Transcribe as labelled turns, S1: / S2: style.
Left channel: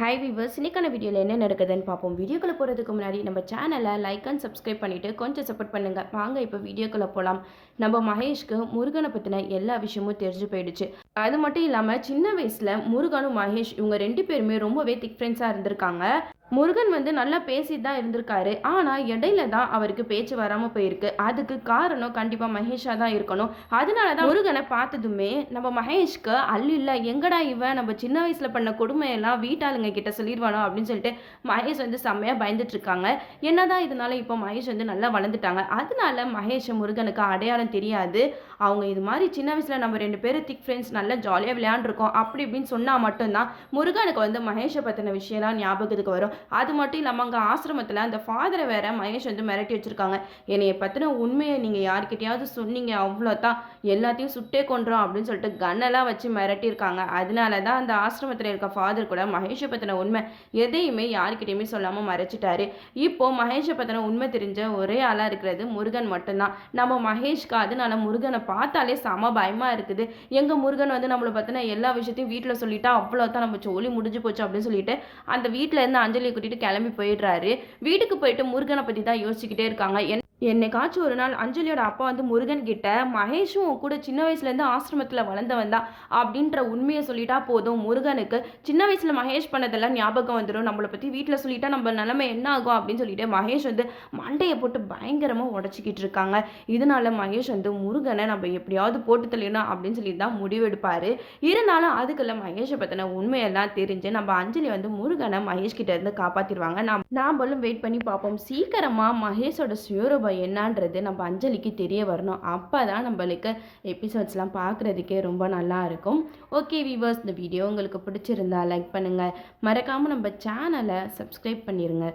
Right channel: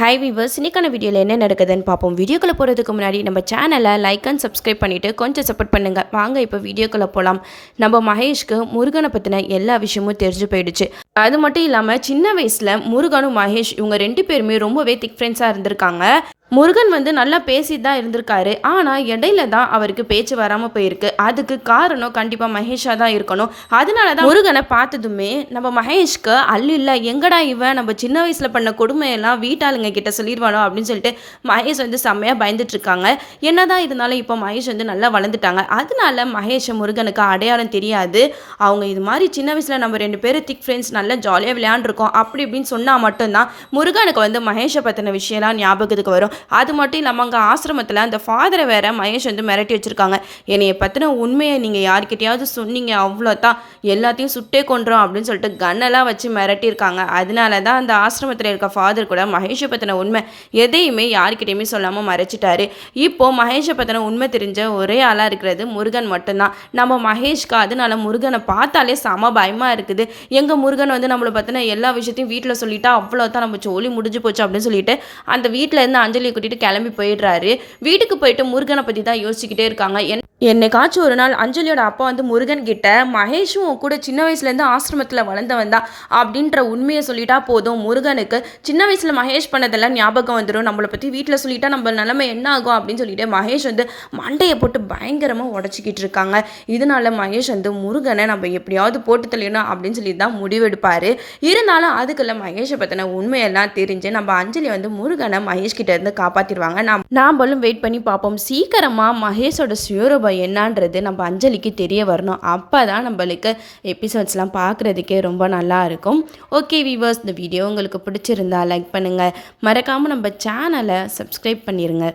S1: High viewers இன்றைக்கான வீடியோவில் என்ன நடக்குதுன்னு பார்ப்போம். வீடியோக்குள்ளே போகிறதுக்கு முன்னாடி நம்ம சேனலை லைக் அண்ட் சப்ஸ்கிரைப் பண்ணிவிட்டு கொஞ்சம் சப்போர்ட் பண்ணுங்கள் வாங்க இப்போ வீடியோக்குள்ளே போகலாம் நம்ம மகேஷ்க்கு முருகனை பற்றின எல்லா விஷயமும் தெரிஞ்சு போயிடுச்சு. அது மட்டும் இல்லாமல் சின்ன வயசில் முருகனும் மகேஷ் இவங்க ரெண்டு பேருமே ரொம்பவே திக் ஃப்ரெண்ட்ஸாக இருந்திருக்காங்க. முருகன் வந்து நல்லா பேசிட்டு தான் இருந்திருக்காரு. ஆனால் இடையில தான் அவருக்கு பேச்சு வராமல் போயிருக்கு. அதுக்கு காரணம் கண்டிப்பாக மகேஷாக தான் இருக்கணும். அதனால தான் முருகனை பார்த்ததுமே நம்ம மகேஷ்க்கு அல்ல இல்லை எங்கடா இவன்? நம்ம சின்ன வயசில் பண்ண கொடுமையெல்லாம் வீட்டாளுங்க கிட்ட சொல்லிடுவானோ அப்படின்னு சொல்லிட்டு மகேஷ் வந்து செம்மையாக பயந்துட்டு இருக்காங்க. என்னதான் இருந்தாலும் இப்போ மகேஷ் வந்து நல்லா வளர்ந்துட்டாங்க. அதனால மகேஷ் முருகனுக்கு அடையாளம் தெரியாது. அவங்க இது மாதிரி சின்ன வயசில் நம்ம ரெண்டு பேரும் திக் ஃப்ரெண்ட்ஸ் நல்லா ஜாலியாக விளையாண்டுருக்கோம். அப்படி இப்படின்னு சொன்னால் மட்டும்தான் முருகனுக்கு வந்து மகேஷை பற்றின விஷயம்லாம் ஞாபகத்துக்கு வரும். அது மட்டும் இல்லாமல் அங்கே ஆசிரமத்தில் அந்த ஃபாதரை வேற மகேஷ் வந்து மிரட்டி வச்சுருக்காங்க. என்னைய பற்றின உண்மையை நீங்கள் யார்கிட்டயாவது சொன்னீங்க அவ்வளோதான் எல்லாத்தையும் சுட்டே கொன்றோம் அப்படின்னு சொல்லிட்டு கன்னெல்லாம் வச்சு மிரட்டியிருக்காங்க. அதனால தான் அந்த ஆசிரமத்தில் இருக்க ஃபாதர் கூட மகேஷை பற்றின உண்மை எதையுமே யார்கிட்டையுமே சொல்லாமல் மறைச்சிட்டாரு. இப்போ மகேஷை பற்றின உண்மை தெரிஞ்ச ஒரே ஆளாக இருக்கிறது முருகன் மட்டும்தான். நம்ம மகேஷ்க்கு அதனால முருகனை பார்த்தாலே செம பயமாக இருக்குது. எங்கள் முருகன் வந்து நம்மளை பற்றின எல்லா விஷயத்தையும் வீட்டில் சொல்லிட்டா அவ்வளோ தான் நம்ம ஜோலி முடிஞ்சு போச்சு அப்படின்னு சொல்லிட்டு அந்த வீட்டில் இருந்து அஞ்சலி கூட்டிட்டு கிளம்பி போயிடுறாரு. வீட்டுக்கு போயிட்டு முருகனை பற்றி தான் யோசிச்சுக்கிட்டே இருக்காங்க. என் என்னைக்காச்சும் ஒரு நாள் அஞ்சலியோட அப்பா வந்து முருகன் கிட்ட மகேஷும் கூட சின்ன வயசுலேருந்து ஆசிரமத்தில் வளர்ந்தவன் தான் அப்படின்ற உண்மையை சொல்லிட்டா போதும் முருகனுக்கு. சின்ன வயசில் மகேஷ் பண்ணதெல்லாம் ஞாபகம் வந்துடும் நம்மளை பற்றி வீட்டில் சொல்லிட்டா நம்ம நிலமை என்ன ஆகும் அப்படின்னு சொல்லிட்டு மகேஷ் வந்து மண்டையை போட்டு பயங்கரமாக உடச்சிக்கிட்டு இருக்காங்க. இதனால மகேஷ் வந்து முருகனை நம்ம எப்படியாவது போட்டு தெளியணும் அப்படின்னு சொல்லி தான் முடிவெடுப்பார். இருந்தாலும் அதுக்குள்ள மகேஷை பற்றின உண்மையெல்லாம் தெரிஞ்சு நம்ம அஞ்சலி வந்து முருகனை மகேஷ் கிட்டேருந்து காப்பாற்றிடுவாங்க நாம் நாம்பளும் வெயிட் பண்ணி பார்ப்போம். சீக்கிரமாக மகேஷோட சுயரூபம் என்னன்றது நம்ம அஞ்சலிக்கு தெரிய வரணும். அப்போ தான் நம்மளுக்கு எபிசோட்ஸ்லாம் பார்க்குறதுக்கே ரொம்ப நல்லா இருக்கும். ஓகே வீவர்ஸ் இந்த வீடியோ உங்களுக்கு பிடிச்சிருந்தா லைக் பண்ணுங்கள் மறக்காமல் நம்ம சேனலை சப்ஸ்கிரைப் பண்ணிடுங்க